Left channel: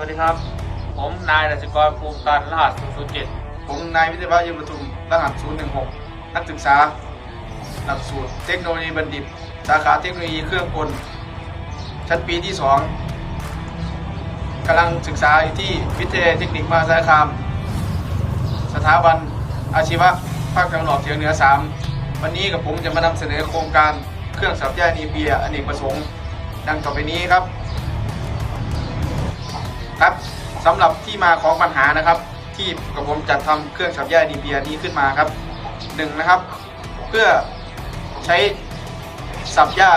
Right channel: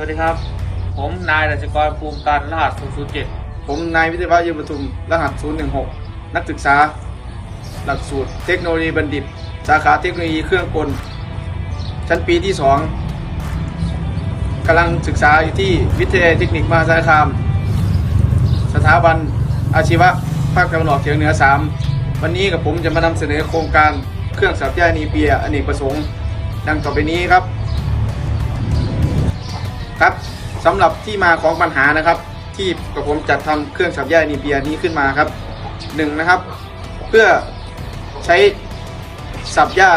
วัสดีครับ ผมนายรัชกรภูมิตันรหัส 007 ผมนายวิทยาวัฒน์ยืนประทุม รหัส 016 นักศึกษา หลักสูตรเทคโนโลยีบัณฑิต สาขาเทคโนโลยีเครื่องกล ชั้นปีที่ 2 กำลังศึกษาอยู่ที่วิทยาลัยเทคนิคมหาสารคาม สถาบันอาชีวะภาคตะวันออกเฉียงเหนือ 3 วันนี้กับผมจะมานำเสนอโครงการเครื่องสับหญ้านีเปียอเนกประสงค์ ดังต่อไปนี้ครับ ครับสำหรับที่มาของปัญหานะครับ ที่กับผมจัดทำเครื่องสับหญ้านีเปียนี้ขึ้นมาครับหนึ่งนะครับ เพื่อใช้สับหญ้า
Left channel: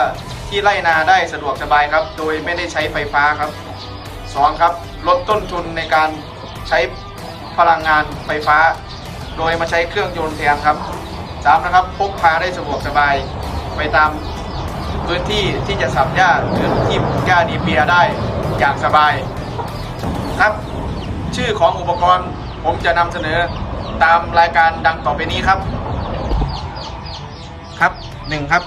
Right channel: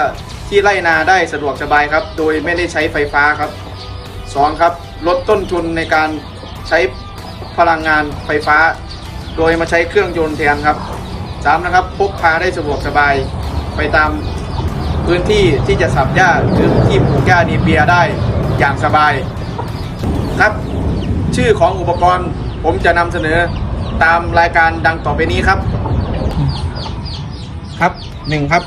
ที่ไร่นาได้สะดวกสบายครับ โดยไม่ได้ใช้ไฟฟ้าครับสองครับลดต้นทุนในการใช้พลังงานไฟฟ้า โดยมาใช้เครื่องยนต์แทนครับสามนะครับพกพาได้สะดวกสบายไปตามพื้นที่ที่จะสับหญ้าหรือที่ปลูกหญ้านีเปียได้อย่างสบาย ครับ ชื่อของอุปกรณ์ผมจะนำเสนอตามรายการดังต่อไปนี้ครับ ครับหนึ่งครับ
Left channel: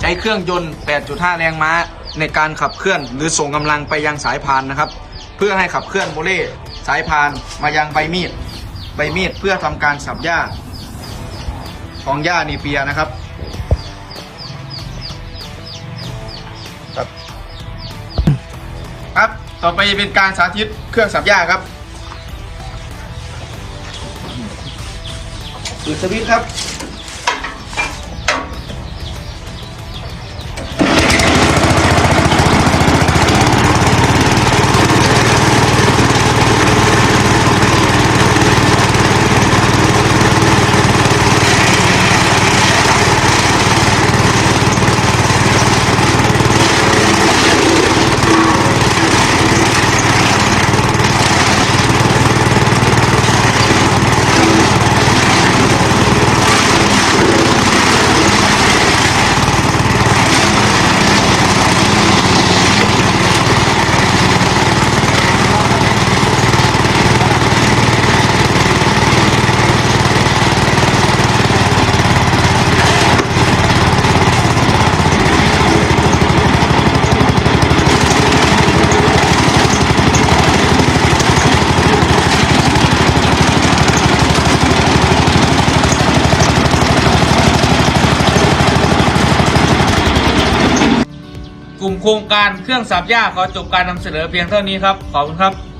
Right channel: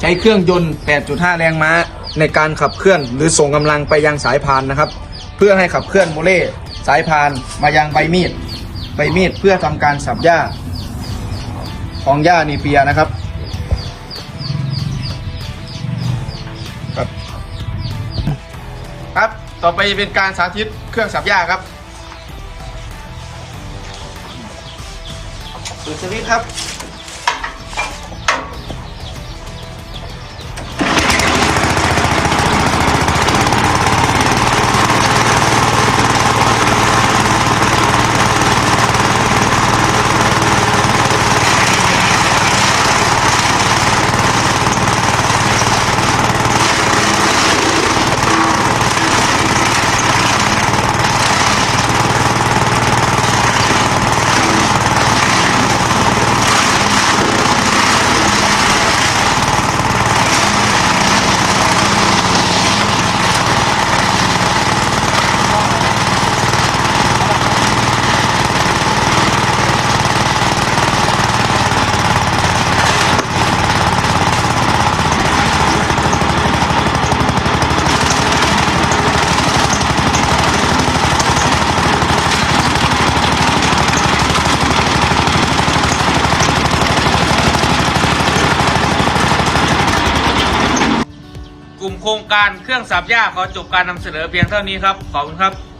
ใช้เครื่องยนต์ 8.5 แรงม้า ในการขับเคลื่อนหรือส่งกำลังไปยังสายพานนะครับ เพื่อให้ขับเคลื่อนโมเล่สายพานมายังใบมีดใบมีดเพื่อทำการสับหญ้า ของหญ้านีเปียนะครับครับ ต่อไปเป็นการสาธิตเครื่องสับหญ้าครับสุดสวิตครับ กลุ่มโครงการเครื่องสับหญ้าขอจบการนำเสนอเพียงเท่านี้ครับ ขอบคุณครับ